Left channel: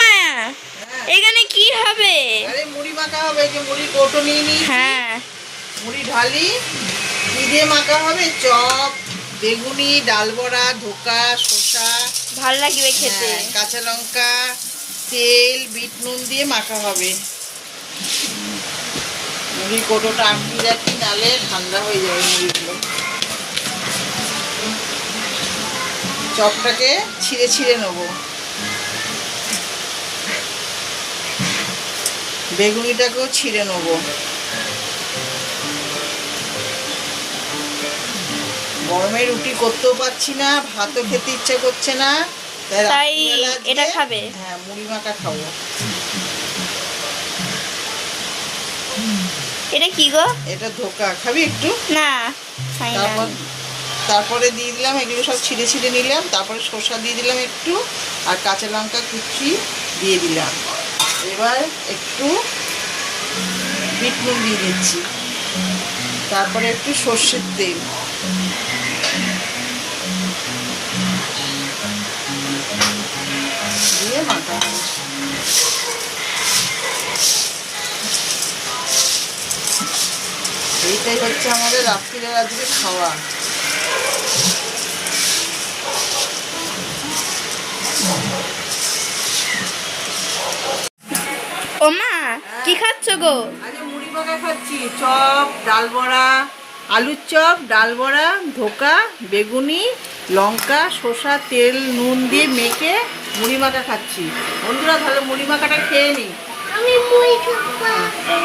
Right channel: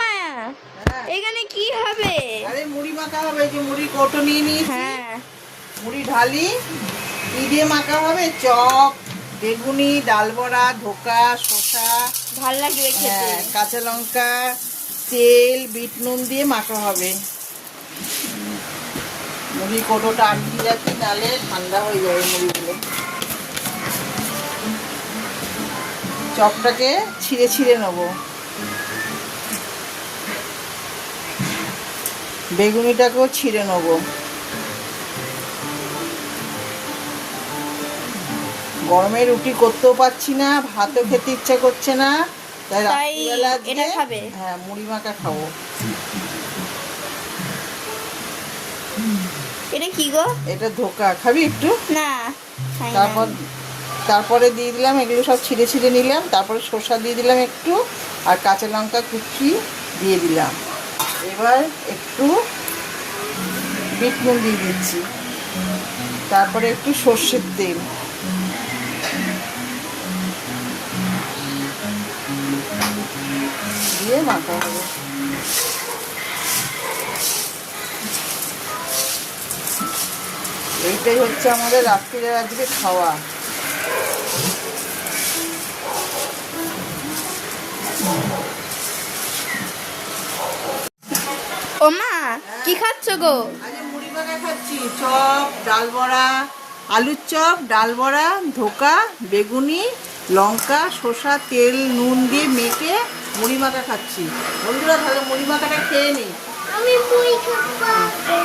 মায়া এখানে কি হবে? আরে মুড়ি মাখা হবে, যে মুড়ি কৌটো নিয়ে নিয়েছি। হ্যাঁ, মুড়ি ঢালি, কি দিয়ে মাখা হবে? চপ, বেগুনি, ডাল বড়া, ধোকা, শসা, ভাল লাগবে খেতে। কাঁচা লঙ্কা, তেল, বিট নুন দিয়ে মাখা হবে। মুড়ি কৌটোটা আটকে রাখি, নালে ঠান্ডা হয়ে যাবে মুড়িগুলো। চপটাকে ছিঁড়ে ছিঁড়ে নেবো। বেগুনিটাকেও ছিঁড়ে নেবো। গরমে রুটি করতেও পারছি না, ভাতও খেতে ইচ্ছা করছে না, তাই এটা খাবে? হ্যাঁ, মুড়ি মাখা খাবো। এটা কি গো? এটা ধোকা, খাবি একটু? না, খাই না। তারপরে দিয়ে দিলাম, এগুলো সব ছিঁড়ে ছিঁড়ে নিলাম। তারপরে শসা দিয়ে দিলাম একটু, আর কাঁচা লঙ্কা কুচি দিয়ে দিলাম। এবার একটু বিট নুন দিয়ে দিচ্ছি। তারপরে একটু সর্ষের তেল, দিয়ে মাখাবো। এইটাই হচ্ছে আমাদের রাত্রিরের আজকে খাওয়া। ও মা, কি খাচ্ছ গো? আজ মুড়ি মাখা খাচ্ছি। চপ, ডাল বড়া, আলুর চপ, ডাল বড়া, ধোকা, বেগুনি, লঙ্কা, শসা, তেল, নুন দিয়ে মেখে মুড়ি মাখা খাচ্ছি। বন্ধুরা, তাহলে মুড়ি মাখাটা খেয়ে নিই। আমি মুড়ি খাবো।